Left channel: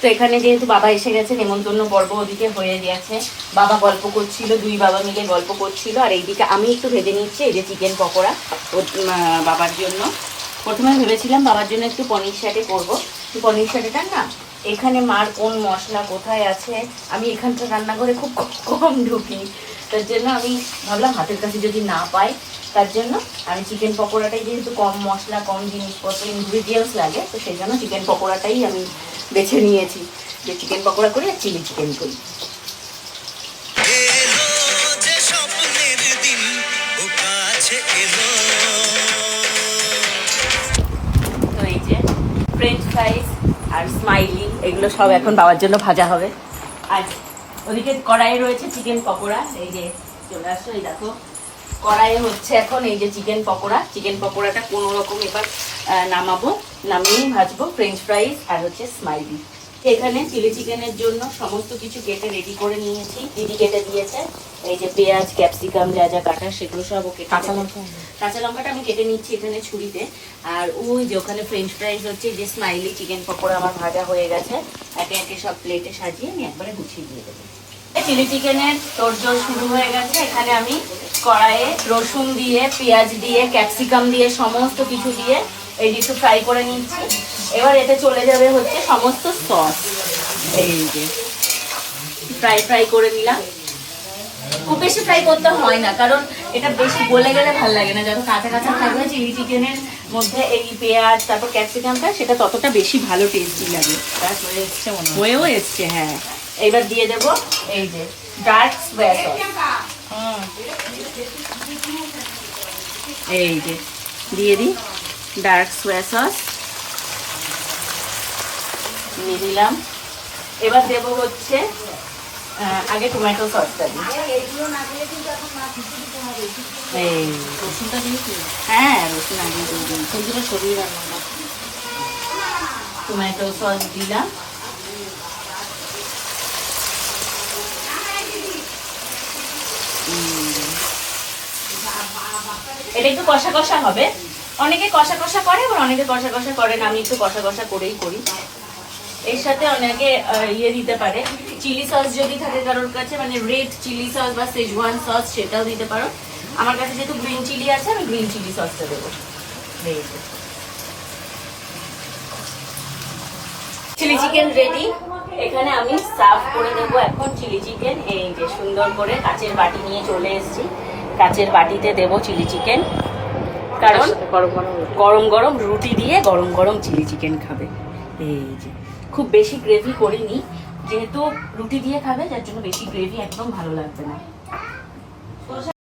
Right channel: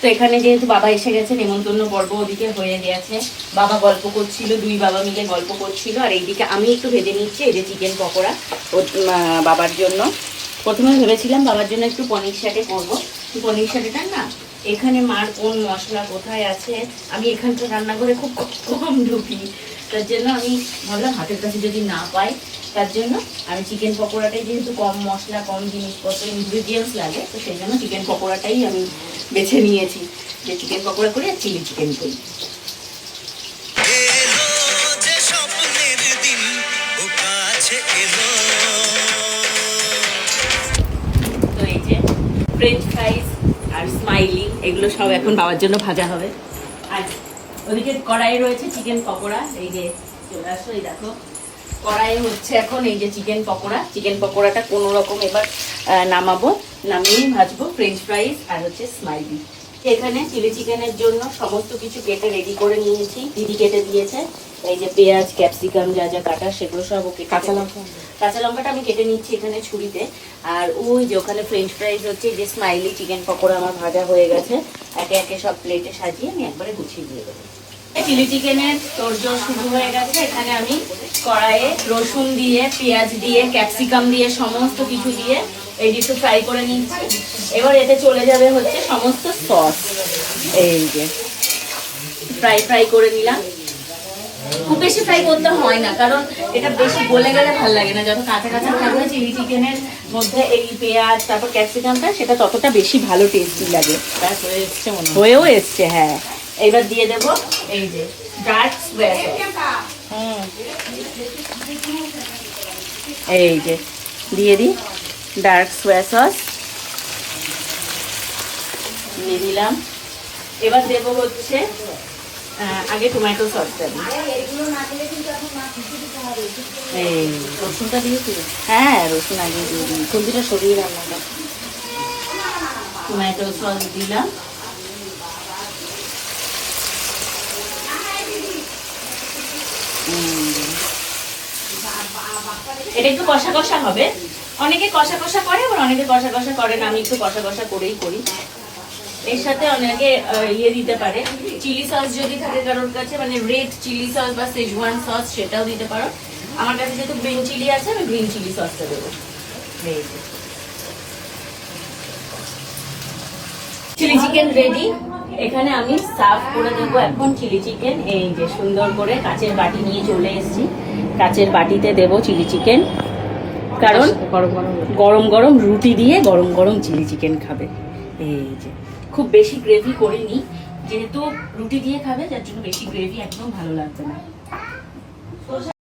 তো এখানে যেহেতু বাবা এসে গেছে নেমন্তন্ন পর্ব ওদিকে হয়ে গেছে। বাবা গল্প করছিল, দুই বাবা মিলে গল্প করছিল। আর এইদিকে আমি একটু ভেজে নিচ্ছি, এই যে চিকেন পকোড়া বাবার জন্য। প্রথমে ভেবেছিলাম বাবার জন্য একটু পনির শাকে করব। পনির শাকেটা না, এখানে মার কোন মশলা কোথায় আছে? আমি এখানকার রান্নাঘরে খুব কম ঢুকি। তার জন্য আমি ভাবলাম হাতের কাছে যদি না পাই, তার জন্য আমি চিকেন পকোড়াটাই যেহেতু কম মশলা, কম জিনিসপত্র ইনগ্রিডিয়েন্টস লাগে, তো সেই জন্য চিকেন পকোড়াটাই আমি বেছে নিয়েছি। যে চিকেন পকোড়া করি আর চিলি চিকেন করি। তো এই যে ফ্রেঞ্চ ফ্রাইস আর স্মাইলি এগুলো সব এখন বাবার জন্য ভাজা হবে। আর ওদিকে কড়াইয়ে রয়েছে চিকেন পকোড়া। এই যে চলে আসো এই দেখো। কড়াইয়ে হচ্ছে এখন এই যে চিকেন পকোড়া। চিকেন পকোড়াটা কোনো রকম এবার নামাবো নামিয়ে ভাজবো ফ্রেঞ্চ ফ্রাইস আর হচ্ছে স্মাইলি এখানে চিলি চিকেনের জন্য সমস্ত কিছু কেটে রেডি করে নিয়েছি। দিদি কেটে দিয়েছে? এই যে পেঁয়াজ ক্যাপসিকাম যা যা কাটা সেগুলো সব ওকে কাঁচা লঙ্কা? কাঁচা লঙ্কাটা আমি কেটে নিচ্ছি এখানে ছুরিতে। আর ওই যে ওখানে ফ্রেঞ্চ ফ্রাইস হচ্ছে যে স্মাইলি চিকেন পকোড়া আমার ভাজা হয়ে গেছে। একে একে সব প্লেটে সাজিয়ে আমি একবারে গুছিয়ে দিয়ে দেবো। চিলি চিকেনের তোরজোর শুরু হয়ে গেছে। এখানে আমি কড়াইয়ে রসুন দিয়ে পেঁয়াজ দিয়ে ক্যাপসিকাম দিয়ে সমস্ত কিছু দিয়ে এই একটু ফ্রাই করে নিচ্ছি। এবার এতে চলে যাবে হচ্ছে সমস্ত সস এই যে ফ্রাই ফ্রাই করে নিলাম। খুব বেশি ফ্রাই করতে হয় না, কারণ এটা বেশি গলে গেলে ভালো লাগে না। যত কাঁচা কাঁচা থাকবে চিলি চিকেনের মধ্যে এই পেঁয়াজ, তারপর ক্যাপসিকামটা সেটা ততটা বেশি ভালো টেস্টি লাগে। হয়েও এসছে হ্যাঁ। এইবার দিয়ে দেব এই যে ডার্ক সোয়া সস এই যে, দিয়ে দিই। Dark soya sauce. দিয়ে দিলাম। এবার দেব হচ্ছে আগে টমেটো সসটা দিই। এই রসুনটা দিয়েছি হ্যাঁ রসুন আগে দিয়ে দিই। ফুলদিটা সরিয়ে রান্না টমেটো সস দিলাম। এটা একটু কষা কষা হবে। অনেকে কষা কষা করে, আবার অনেকে কষা কষা করে না। আমি একটু কষা কষা করেই করি। এর সাথে অনেকে ইয়ে দিতে পারে। চিলি সস যদি থাকে কারোর কাছে মানে রেড চিলি সস বা সেজওয়ান সস সেটাও দিতে পারো। আমার কাছে যেহেতু গ্রিন চিলি আছে, আমি গ্রিন চিলি সসটা দেবো। চিলি চিকেন রেডি এখানে আমি সার্ভ করে দেবো এখন চিলি চিকেন এই যে সুন্দর করে কাচের বাটি নিয়ে চলে এসেছি। কাচের বাটিতে দেবো চিলি চিকেন কারণ গরম গরম। গরম গরম রুটি দিয়ে গরম গরম চিলি চিকেন খাবে। এই যে। খুব বেশি গ্রেভি করিনি যেহেতু রুটি দিয়ে খাবে যার জন্য বেশি গ্রেভি একদম ভালো লাগবে না।